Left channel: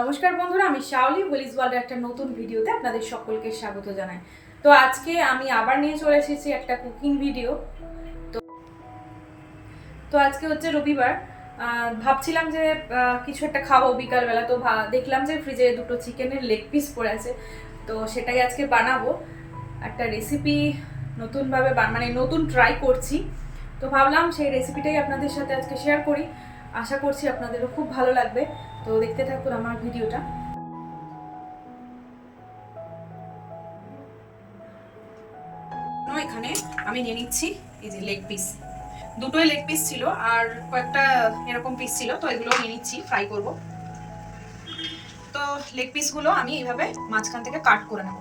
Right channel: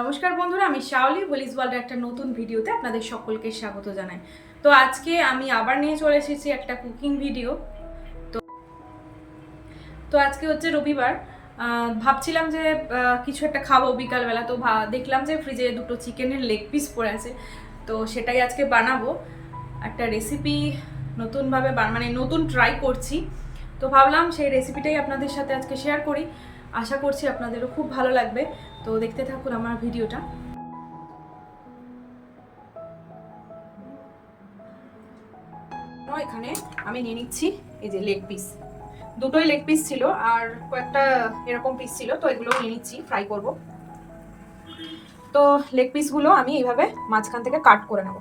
নমস্কার বন্ধুরা, আমি শাওলি হোলিজ ওয়ার্ল্ডের একটা নতুন ভিডিওতে আপনাদের সকলকে স্বাগত জানাই। তো আজকে আমি আবার নিয়ে চলে এসেছি একটা কুকিং ভিডিও। তো আজকে হচ্ছে রবিবার। ভাবছিলাম যে কিছু একটা খাবো বিকালবেলা, তো দেখলাম যে ফ্রিজে দুটো চিকেনের লেগ পিস পড়ে আছে, তো সেটাই আজকে বানাবো। একটা রেসিপি নতুনভাবে মানে নতুন ট্রাই করছি, তো ভাবলাম সেই রেসিপিটাই আপনাদের সাথে আজকে শেয়ার করি। আশা করছি আপনাদেরও খুব ভালো লাগবে, তো দেখতে থাকুন আমার ভিডিওটা। এখানে আমি নিয়ে নিচ্ছি এই যে লেগ পিস, দুটোই লেগ পিস ছিল আর কয়েকটা এরকম পিস ছিল, তো এগুলো নিয়ে নিচ্ছি, ফ্রাই করব। তো লেগ পিসগুলো আমি এইভাবে মাঝখান থেকে কাট করে নেব।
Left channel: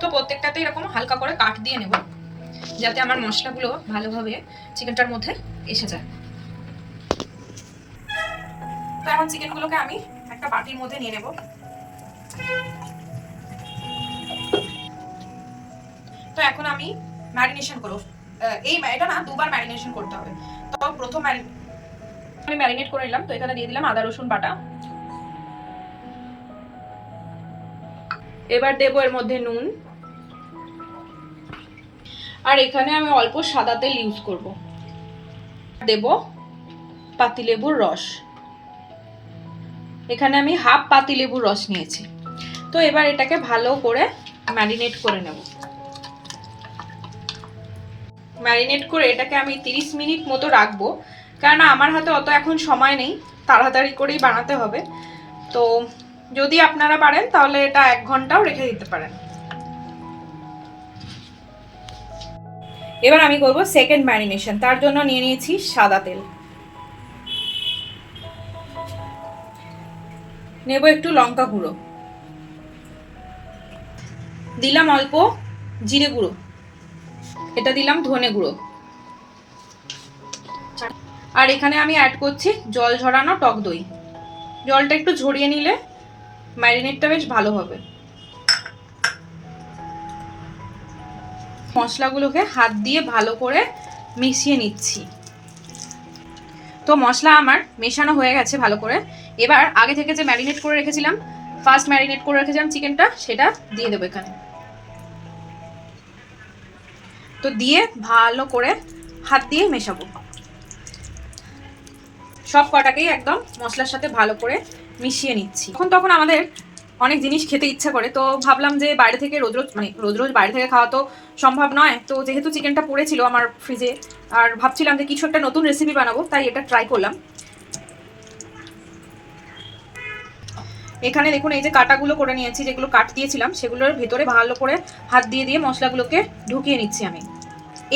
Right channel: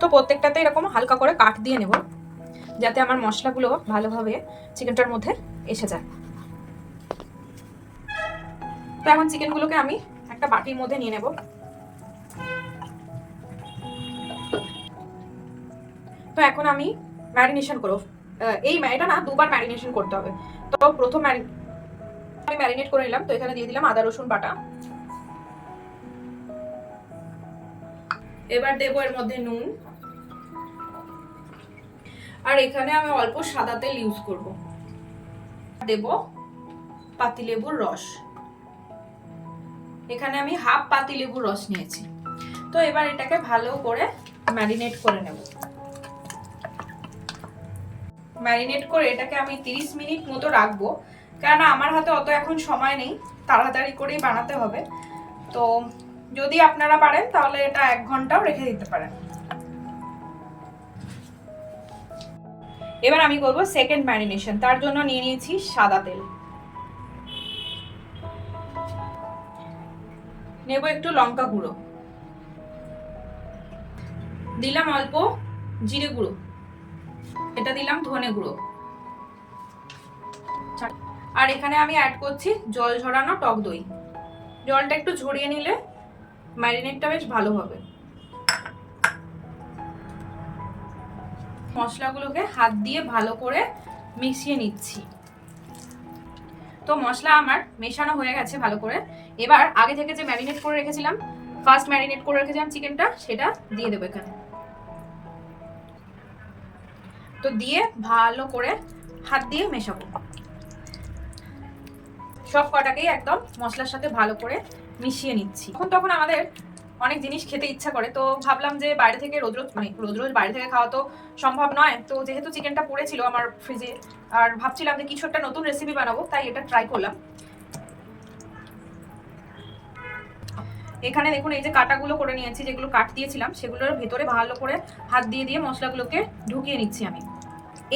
তো প্রত্যেকটাতে এরকম হালকা করে কাট দিয়ে নেব, যাতে আমার মশলাগুলো ভালোভাবে চিকেনটার মধ্যে এসে যায়। তো এখন চিকেনগুলোকে আমি একটা বাটির মধ্যে নিয়ে নেব। তো এখন আমি ম্যারিনেশন করব। এটা না, দুবার ম্যারিনেশন করতে হবে। তো প্রথম আমি ম্যারিনেট করে নিলাম। তো এখানে দিয়ে দিলাম আদা রসুন বাটা। এবার দেবো এর মধ্যে নুন, আর এখানে আমি অল্প সাদা তেল ইউজ করব। দেব পাতিলেবুর রস, এখানে আমি হাফ পাতিলেবুর রস নিয়েছি। তো এবার এটাকে ভালো করে ম্যারিনেট করে নেব। ম্যারিনেট করে এটাকে আমি 30 মিনিট মতো রাখবো, কারণ আমার হাতে অত এখন সময় নেই, তাড়াতাড়ি করেই বানাতে হবে। তো যদি আপনারা পারেন তাহলে এটা 1 ঘন্টাও রেখে দিতে পারেন। এবার আমি করব সেকেন্ড ম্যারিনেশন। তার জন্য নিয়ে নিয়েছি সাদা তেল, নেব একটু লঙ্কা গুঁড়ো, দিলাম অল্প জিরে গুঁড়ো, এটা দিলাম ধনে গুঁড়ো, আর এখানে আমি অ্যাড করছি জল ঝরানো টক দই। জলটা একটু ঝরিয়ে নিলে ম্যারিনেটটা বেশ ভালো হবে। মশলাগুলোকে হাত দিয়ে ভালো করে মিশিয়ে নিচ্ছি। তো মশলা আমার মেশানো হয়ে গেছে ভালো করে। এবার আগে থেকে যে ম্যারিনেট করে রেখেছিলাম, ফার্স্ট ম্যারিনেট করে রেখেছিলাম চিকেনটা, সেটা দিয়ে দেবো এখানে। তো দিয়ে ভালো করে হাত দিয়ে মেশাবো, সব কটাকেই একদম মশলার সাথে ভালো করে মিশিয়ে নিচ্ছি। তখন আমাদের অনেক জিনিস খেতে ইচ্ছা করে, তো ভাবলাম যে বাইরে থেকে রোজ রোজ বাইরে থেকে খাওয়া তো সম্ভব নয়। তো যেহেতু চিকেনটা পড়েছিল আমার ফ্রিজে, আর ভাবছিলাম যে কিছু একটা নতুন রেসিপি বানাবো, তাই এটা ট্রাই করলাম। এখানে দেখুন এই যে কাটাগুলো করে নিয়েছি, যেগুলো কাট দিয়েছিলাম সেগুলোর ভেতরে ভালো করে হাত দিয়ে দিয়ে মশলাগুলোকে ঢুকিয়ে নিচ্ছি আমি।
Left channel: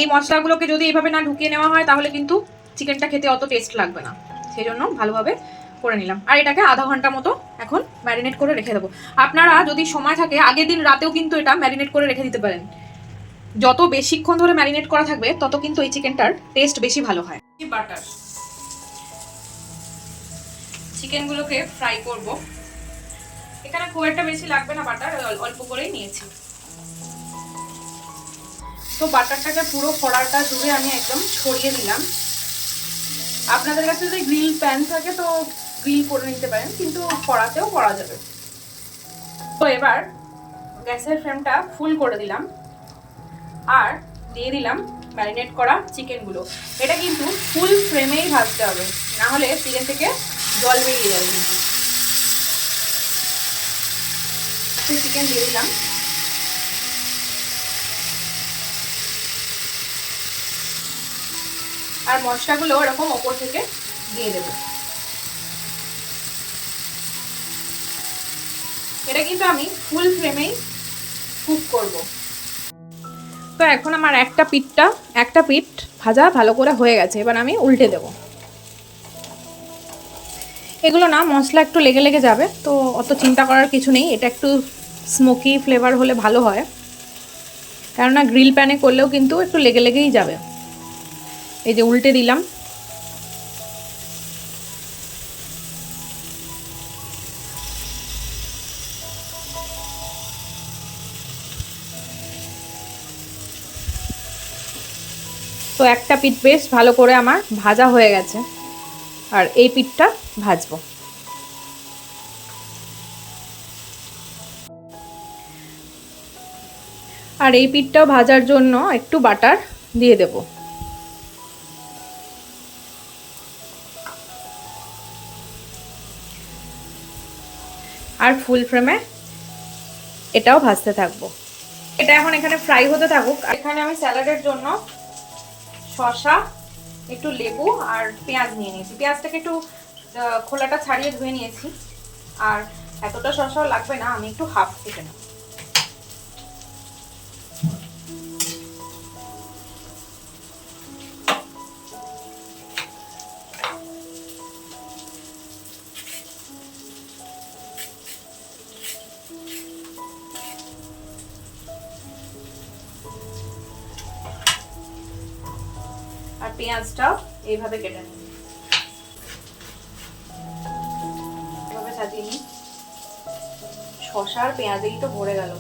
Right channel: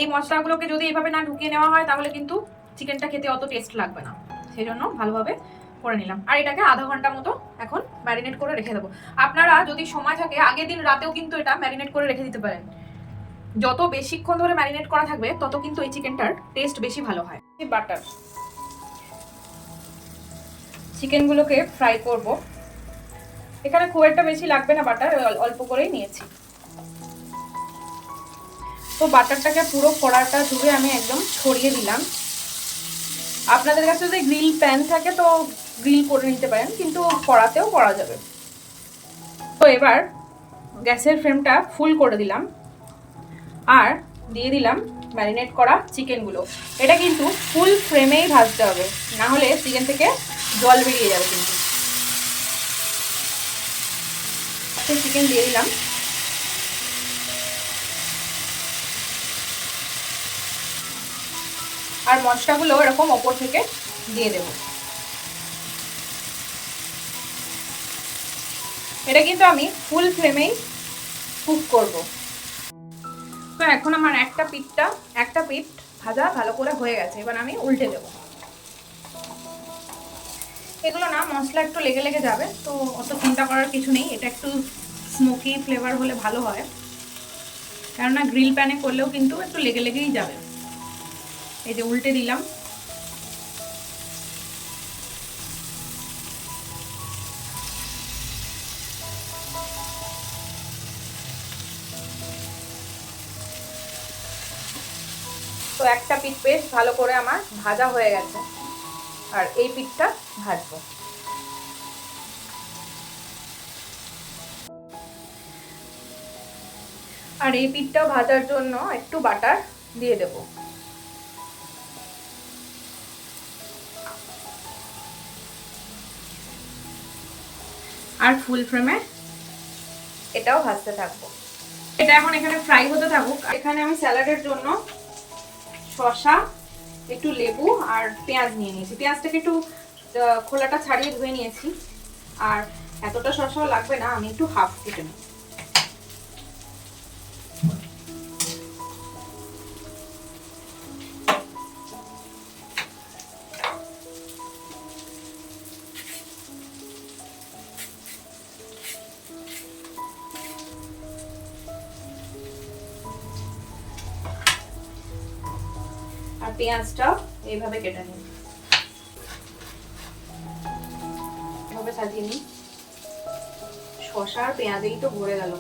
এই মশলাগুলোকে যদি এইভাবে না ঢুকিয়ে নেওয়া হয় তাহলে কিন্তু চিকেনটা খেতে অত টেস্ট লাগবে না, সেই জন্য ভালোভাবে করে নিলাম। আর এটাকে আধা ঘন্টা মতো এখন ম্যারিনেট করে রেখে দেবো। আপনারা যদি সময় থাকে আগের দিন রাতেও কিন্তু এটা ম্যারিনেট করে রেখে দিতে পারেন। যত বেশিক্ষণ ধরে ম্যারিনেট করা থাকবে তত কিন্তু এই চিকেনটার টেস্ট বেশি ভালো হয়। বাটার, চিকেনগুলোকে ফ্রাই করব। এখানে খুব একটা বেশি লাগবে না বাটার, অল্প করেই নিয়েছি। তো বাটারটাকে পুরো কড়াটা জুড়ে আমি একদম ছড়িয়ে দিলাম। আপনাদের কাছে যদি গ্রিল প্যান থাকে তো গ্রিল করে নিতে পারেন, কিন্তু কড়াতেও করা যাবে। তো এবার গ্যাসের ফ্লেমটা ফুল করে দিলাম, আর দিয়ে দিলাম ম্যারিনেট করা চিকেনগুলো। এটা কিন্তু ফুল ফ্লেমেই ভাজতে হবে, না হলে চিকেন থেকে জল বেরিয়ে যাবে। কিন্তু চিকেন দিয়ে দিলাম, আর মশলাগুলো এরকম ওপর থেকে দিয়ে দেব। এটা কিন্তু আমি ফুল ফ্লেমেই কুক করব। তো এখন আমার একটা পিঠ ভাজা ভালো করে হয়ে গেছে, এবার আমি উল্টে দেব। এগুলো না মশলা একটু লেগে লেগে যাবে, তো অত চিন্তা করার কিছু নেই। এটা একটু স্মোকি ফ্লেভার হলে ভালো হয়, কেননা গ্রিল প্যানে করলেও কিন্তু একটু লেগে লেগেই যাবে। এই যে উল্টে দিলাম। তো একটা পিঠ বেশ ভালো করে আমার ভাজা হয়ে গেছে, আর এই পিঠটা ভাজবো। আর এই পিঠটাও ভাজার জন্য একটু বাটার দিয়ে দেব। আর ফুল ফ্লেমে এটাও ভাজতে থাকবো। এটা এখন এখানে ফ্রাই হতে থাকুক। এখানে আমি স্যালাডের জন্য শসা, একটু লেবু আর পেঁয়াজ নিয়ে নিয়েছি। পেঁয়াজটাকে একটু খোলাটা ছাড়িয়ে ধুয়ে নিয়েছি। আর এতটা শসাও লাগবে না, আমি একটু হাফ কেটে নিই। আর পেঁয়াজটাও এইভাবে কেটে নিই, এভাবে সাজিয়ে নিই। শসা আর পেঁয়াজেই তো ভরে গেল।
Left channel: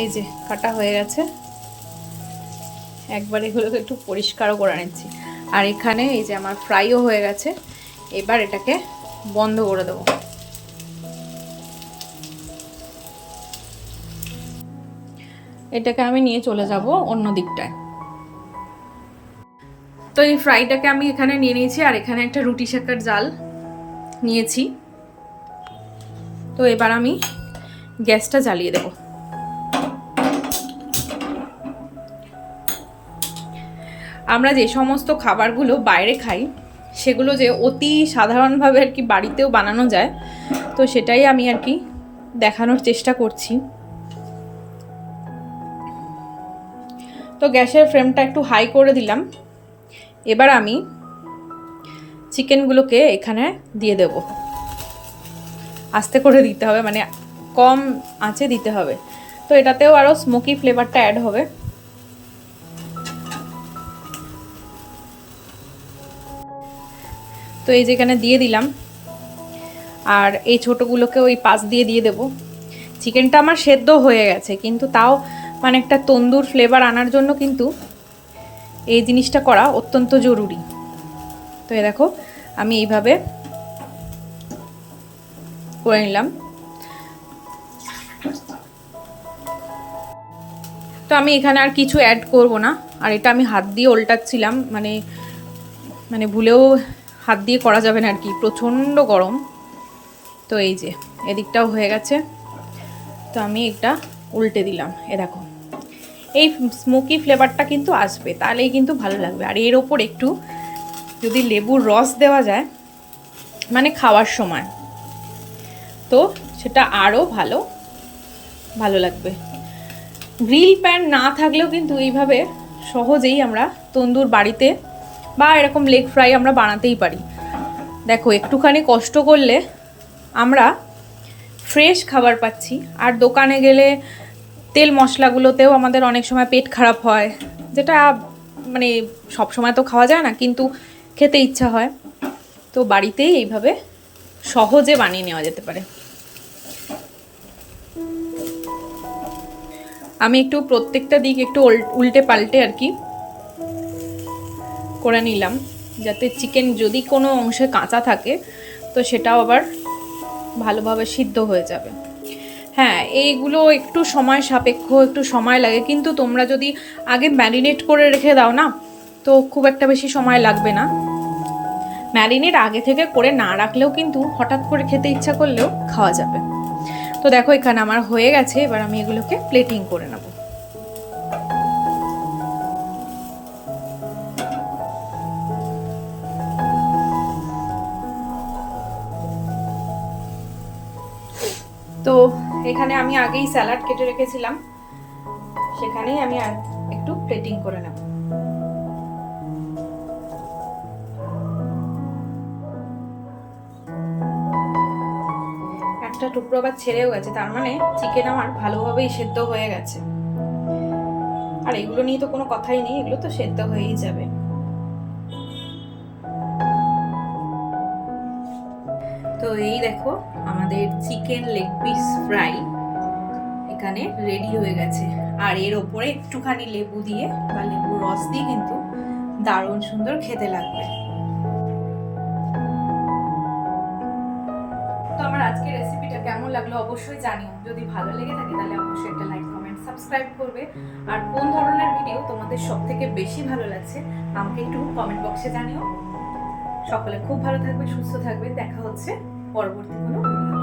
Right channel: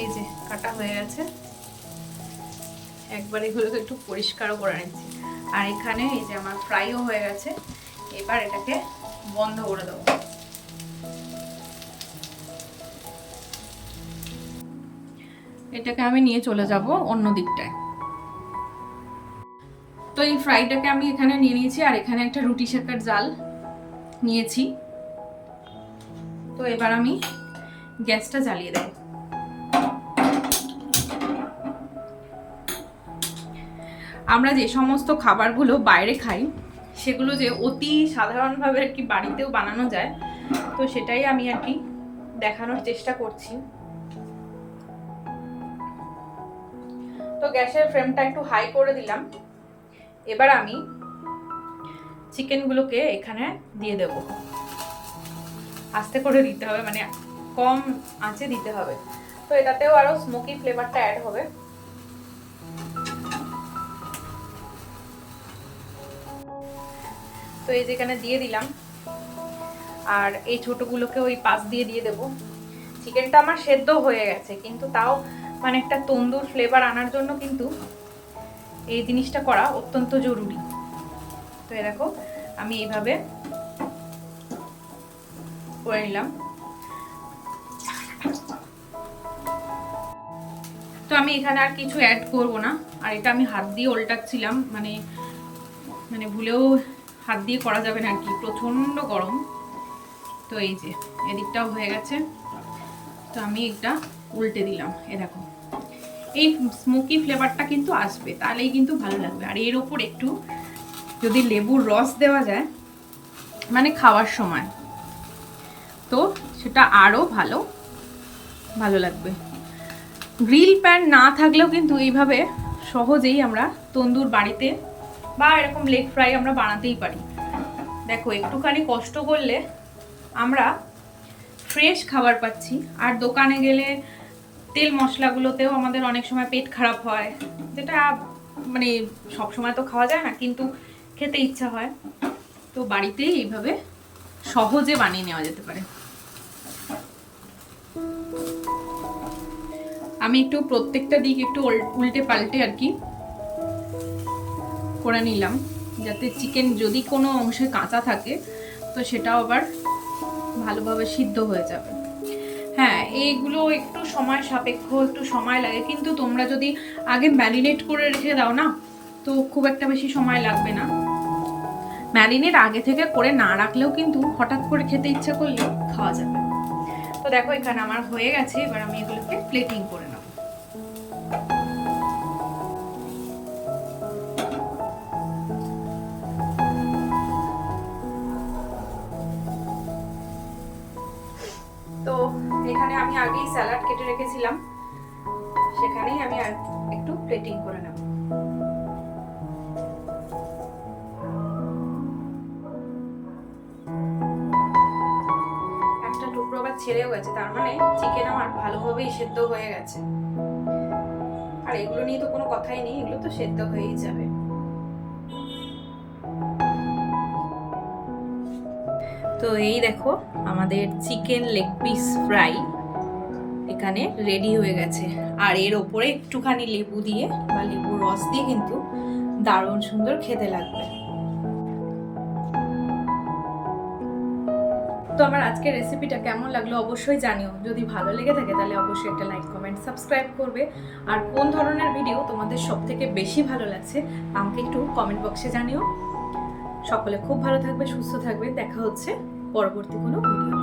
এই যে কাটা হয়ে গেছে, একবার এগুলোকে একটু পরিষ্কারও করে নিচ্ছি। আর এখানে এই যে আমার ফ্রাইও হয়ে গেছে। এবার এটাকে বন্ধ করে দেবো। এটাকে আমি নিয়ে চলে যাব অন্য দিকটায়। তো এই ফ্রাইটাকে আমি এখানে নিয়ে নিয়েছি, আর এখানে একটা রুটি সেকার জাল নিয়েছি। তো এবার আমি গ্যাসটা জ্বালিয়ে দেব। আমরা যে সমস্ত খাবারগুলো বাইরে খাই সেগুলো যে অতি সাধারণভাবে আর কি বাড়িতেও বানানো যায়, তো সেটাই আমি আর কি দেখানোর চেষ্টা করছি। তো গ্যাসের ফ্লেমটা একটু হাই করে দিলাম। এবার আমি চিকেনগুলোকে এখানে দিয়ে দেব। আস্তে করে দিতে হবে, মানে কম আঁচে দিতে হবে। তো এটাতেও আরও স্মোকি ফ্লেভারটা অ্যাড হবে। তো এই যেখানে দিয়ে দিলাম, আর এই ছোটোগুলোকে ওই পাশ দিয়ে দিয়ে দেবো। চিকেনটা আমার সেদ্ধ হয়ে গেছে, কিন্তু তাও মানে একটা তন্দুর ফ্লেভার আনার জন্য কিন্তু এই জিনিসটা করা অত্যন্ত জরুরি। তো এই দেখো আমি এইভাবে করে নিলাম। তো আমি এখানে আর কিছু অ্যাড করব না। আর এটা আমি হাত দিয়ে উল্টাচ্ছিলাম, মানে ভুলেও হাত দিয়ে করা যাবে না আর কি, প্রচণ্ড গরম। তো এই যে এদিকটাও হয়ে গেছে। তো আমি এটা উল্টে দিলাম। এ দেখো এই স্মোকি ফ্লেভারটা কিন্তু আসবে, তাহলেই কিন্তু ভালো লাগবে। আর এর ওপর একটু যদি লেবুর রস দেওয়া যায় মানে খাওয়ার সময়, তো সেটা আরও ভালো লাগবে। গ্রিল প্যান না থাকলেও কিন্তু এইভাবে সহজেই আমরা তন্দুর বাড়িতে বা এরকম লেগ ফ্রাই আমরা বানাতেই পারি। দেখো একটুখানি কষ্ট করলে আমরা ফ্রেশ খাবার পাচ্ছি। আর দোকানে গেলে তেল মশলাগুলোতেও আমাদের অনেক সময় পেট খারাপ হয়, যেটা মানে সব সময় তো খাওয়া যায় না, কিন্তু খেতে ইচ্ছা হয়। তো বাড়িতেই এইভাবে সহজে বানিয়ে নেওয়া যেতে পারে। আমি একটু প্রত্যেকটা দিক একটু উল্টে পাল্টে আর কি করে নিলাম, যাতে চিকেন যদি কোনো অংশে কাঁচা থাকে তো সেটাও আবার ভালোভাবে সিদ্ধ হয়ে যাবে। হ্যাঁ, এইগুলো একটু সময় সাপেক্ষ, একটু সময় লাগে, কিন্তু তোমরা যদি আগে ম্যারিনেট করে রেখে দাও না, তো খুব একটা বেশি সময় লাগবে না। ম্যারিনেট আগে থেকে করে না রাখলেও কিন্তু হঠাৎ করে খেতে ইচ্ছা করলেও খাওয়া যাবে। তো দেখো এখানে আমার হয়ে গেছে। এবার আমি এগুলোকে প্লেটিং করে নেব। তো এখানে আমি আগেই স্যালাড কেটে রেখেছিলাম, সেখানেই আমি একটু প্লেটিং করে নেব। একটা টুকরো আবার ছেড়েও গেছে, তার মানে চিকেন আমার ভালোভাবেই সেদ্ধ হয়ে গেছে। আর এগুলো নিয়ে তো কোনো কথাই নেই, এগুলো তো সেদ্ধ হয়েই যাবে। তো এই দেখো আমাদের চিকেন লেগ পিস ফ্রাই এখানে রেডি হয়ে গেছে। আর এর ওপরে একটুখানি লেবু দিয়ে বা লেবুর রস দিয়ে কিন্তু দারুণ সুন্দর খেতে লাগবে। তো আমার আজকের রেসিপিটা কেমন লাগলো অবশ্যই জানিও। যদি ভালো লেগে থাকে তাহলে অবশ্যই একটা লাইক, কমেন্ট, সাবস্ক্রাইব করবে। আর কোন ধরনের ভিডিও তোমাদের সব থেকে বেশি ভালো লাগছে আমাকে একটু কমেন্ট বক্সে জানিও। সকলে খুব ভালো থাকবে, সুস্থ থাকবে। দেখা হচ্ছে পরবর্তী কোনো ভিডিও।